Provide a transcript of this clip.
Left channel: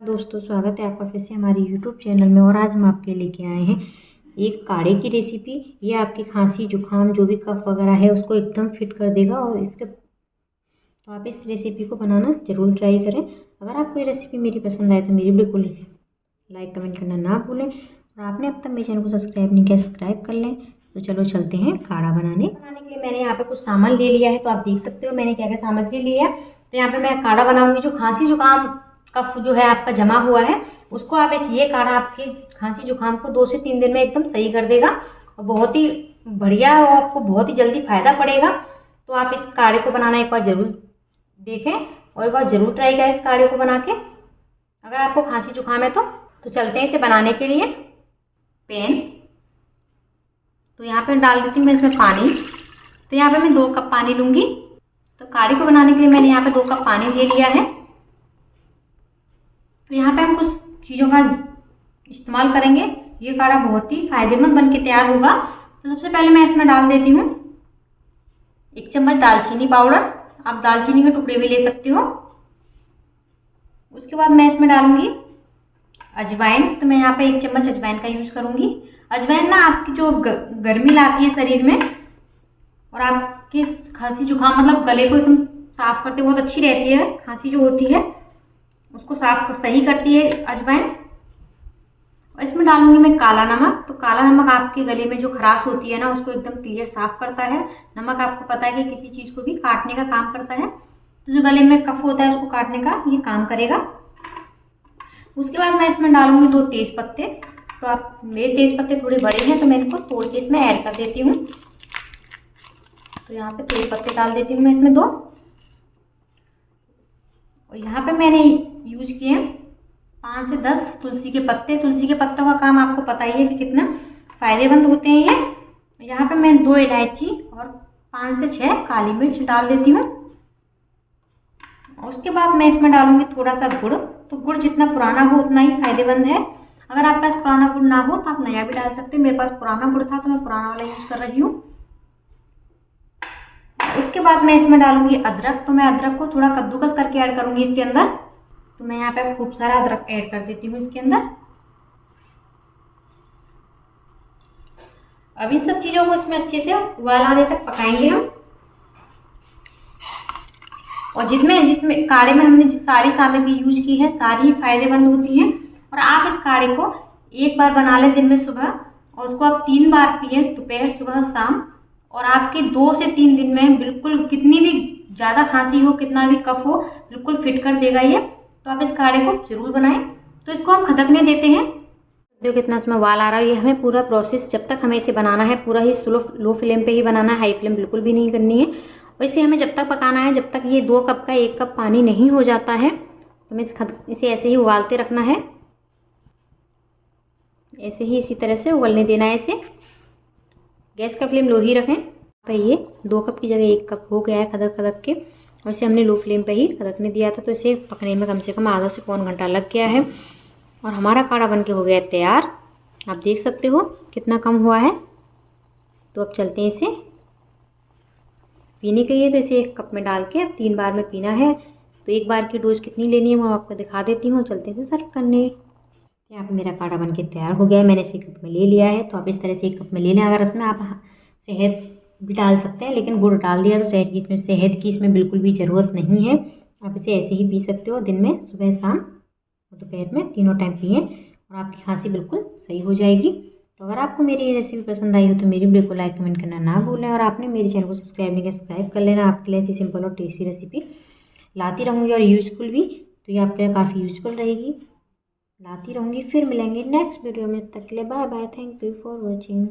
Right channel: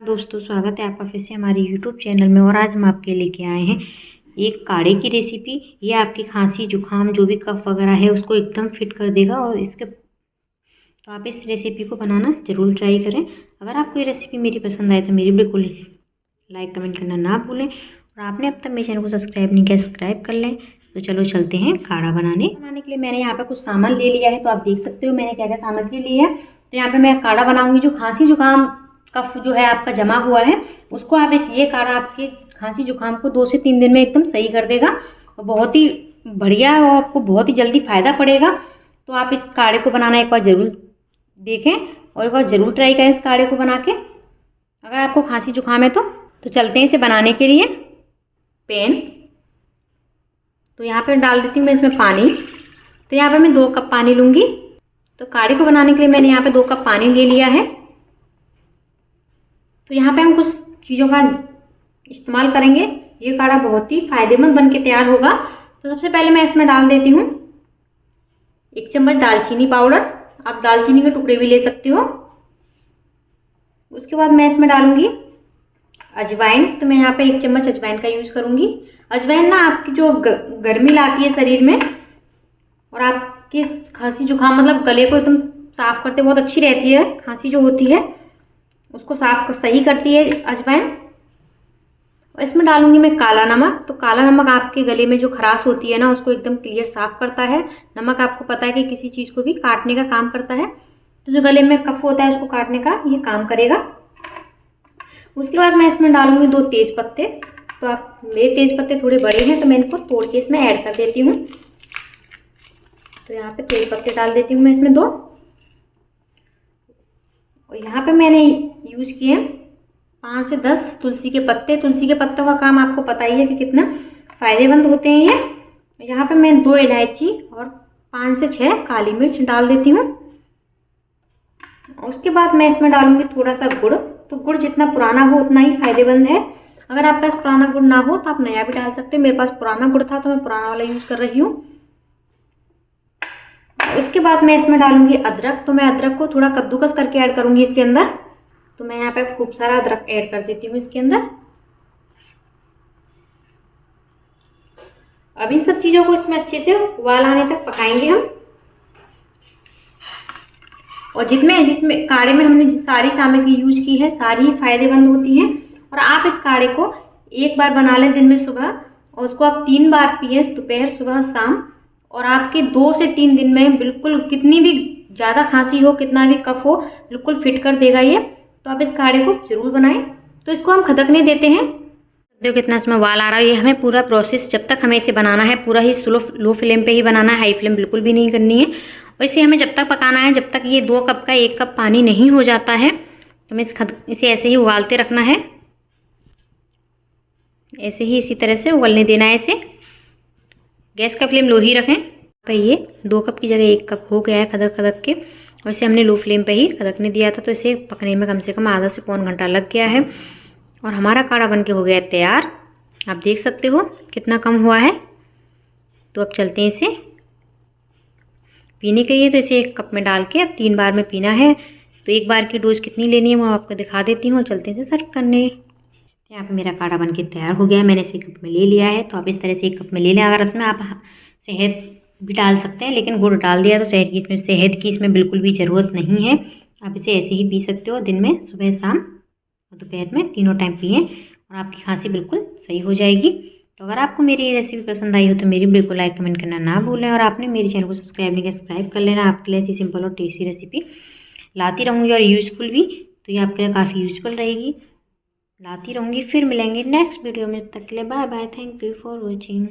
दोस्तों, स्वागत है आपका फिर से हमारे YouTube चैनल में। और आज हम आपके लेके आए हैं एक काढ़े की रेसिपी। ये आपकी खांसी जुकाम जो भी कफ वगैरह है उसको एकदम फिट कर देगा। और इसके तो आप इस रेसिपी को बनाना ज़रूर ट्राई करें। अगर आपको ये रेसिपी मेरी पसंद आए तो मेरी बिल्कुल लाइक कमेंट करना ना भूलें। और आपने अब तक मेरे चैनल को सब्सक्राइब नहीं किया, सब्सक्राइब कर लें। तो चलो चलते हैं काढ़ा बनाने के लिए। मैंने यहाँ पे कुछ सामान ले लिया है, तो आप देख सकते हो मैंने क्या क्या सामग्री ली है। तो यहाँ पे मैं काढ़ा बनाऊंगी। जो खांसी जुकाम कफ जो है आपका जमा हुआ है उसको आप ये काढ़ा आपके खांसी जुकाम को 2 से 3 दिन में एकदम सही कर देगा। और बहुत ही बढ़िया है और आपको बहुत ही जल्दी फायदा पड़ेगा। तो आप इस काढ़े को बनाना एक बार जरूर देखें और एक बार जरूर ट्राई करें इस काढ़े को बना के, अगर आपको खांसी जुकाम है तो चलते हैं इसे बनाने के लिए। पैन तो यहाँ पे डाल देती हूँ मैं इसमें पानी। तो यहाँ पे मैं 2 कप पानी लूंगी। तो काढ़े को बनाने के लिए मैंने यहाँ पे 2 कप पानी ले लिया है। तो यहाँ पे हम कुछ चीज़ों का इस्तेमाल करेंगे। ये काढ़ा बहुत ही फायदेमंद बन के तैयार होगा। तो सबसे पहले मैं इसमें डाल देती हूँ 1 चम्मच दालचीनी पाउडर। आप दालचीनी के टुकड़े भी ले सकते हो। उसके बाद मैं इसमें डालूंगी अजवाइन। तो मैं यहाँ पे 1 चम्मच अजवाइन का यूज करूंगी। अजवाइन ना आपकी जो गर्मी लाती है शरीर में और आपके खांसी जुकाम मतलब गले को एकदम साफ करते बहुत अच्छी रहती है। खांसी जो होती है उसको सही करती है अजवाइन। और इसमें डालूंगी मैं काला नमक। तो काला नमक आपके गले में जो खराश होती है ना उसको एकदम क्लियर साफ करता है। नमक आपको पता है कि किसी चीज को भी काटने का काम करता है। तो जो गले में कफ होता है उसको काटने का ये काम करेगा। उसके बाद मैं इसमें डालूंगी 2 तेज पत्ते। तो आप मेरे तेज पत्ते थोड़े बड़े हैं तो मैं इनको तोड़ के इसमें ऐड कर देती हूँ। तो यहाँ पे तेज पत्ते डाल देती हूँ मैं इसमें 2। और यहाँ पे मैंने यूज किए 5 से 10 तुलसी के पत्ते। तुलसी के पत्तों का काम आपको पता ही है कि कितना फायदेमंद होते हैं ये। यहाँ पे मैं 2 इलायची और 5 से 6 काली मिर्च डाल देती हूँ। उसके बाद मैं इसमें डालूंगी थोड़ा सा गुड़। तो गुड़ जितना पुराना हो उतना ही फायदेमंद है। अगर आपके पास पुराना गुड़ ना हो तो आप नया भी डाल सकते हैं। मेरे पास पुराना गुड़ था तो मैं पुराना वाला यूज कर रही हूँ। उसके बाद मैं इसमें डालूंगी अदरक। तो मैं अदरक को थोड़ा कद्दूकस करके ऐड करूंगी इसके अंदर। तो मैं यहाँ पे खूब सारा अदरक ऐड कर देती हूँ इसके अंदर। अब इन सब चीजों को इसमें अच्छे से उबाल आने तक पकाएंगे हम। और जिसमें काढ़े में हमने सारी सामग्री यूज की है सारी ही फायदेमंद होती है। और आप इस काढ़े को एक बार बना लें दिन में सुबह, और उसको आप 3 बार पिए, दोपहर सुबह शाम। और आपके 2 से 3 दिन में बिल्कुल कितनी भी ज्यादा खांसी हो कितना भी कफ हो बिल्कुल फिट कर देगा ये। तो आप इस काढ़े को जरूर बनाएं। तो इसको हम खदकने देते हैं। देखो कितना इसमें उबाल आ रहा है। ये हमें पूरा प्रोसेस जब तक हमें इसे बनाना है पूरा ही लो फ्लेम पे ही बनाना है। हाई फ्लेम बिल्कुल भी नहीं करनी है। और इसे हमें जब तक पकाना है जब तक ये 2 कप का 1 कप पानी नहीं हो जाता है। तो हमें इसे ऐसे ही उबालते रखना है। ऐसे ही इसी तरह से उबलने देना है इसे। गैस का फ्लेम लो ही रखें। तो ये 2 कप की जगह 1 कप हो गया है खदक खदक के। और इसे हमने लो फ्लेम पे ही खदकने दिया था। तो इसे पकने में कम से कम आधा से पौन घंटा लग गया है। और हमारा काढ़ा बनके हो गया है तैयार। आप देख सकते हो कितना कम हुआ है। तो अब चलते हैं इसे पीने के लिए। तो इसे 1 कप में डाल के 3 बार में पीना है। तो 1 बार की डोज कितनी लेनी है वो आपको दिखा देती हूँ। चलते हैं सर्व करने। यहाँ पे मेरा काढ़ा बनके तैयार हो गया है। मैंने इसे 1 कप में ले लिया है। तो आप इस तरह से 1 कप में ले लें। अगर इसमें आप शहद भी डाल सकते हैं, लेकिन गुड़ डाल दिया तो शहद की इसमें बिल्कुल भी ज़रूरत नहीं है। आप इसे ऐसे ही पी सकते हो दिन में सुबह शाम और दोपहर में तीनों टाइम पिएँ और आपकी खांसी बिल्कुल सही हो जाएगी। तो अगर आपको मेरी ये रेसिपी पसंद आई हो तो मेरी वीडियो को लाइक कमेंट करना ना भूलें। और आपने मेरे चैनल को सब्सक्राइब नहीं किया, सब्सक्राइब कर लेना। आपके लिए ऐसी सिंपल और टेस्टी रेसिपी लाती रहूँगी और यूज़फुल भी। तो ये आपके लिए काफ़ी यूज़फुल रहेगी। लाती रहूँगी। फिर मिलेंगे नेक्स्ट वीडियो में। तब तक के लिए bye bye. Thank you for watching.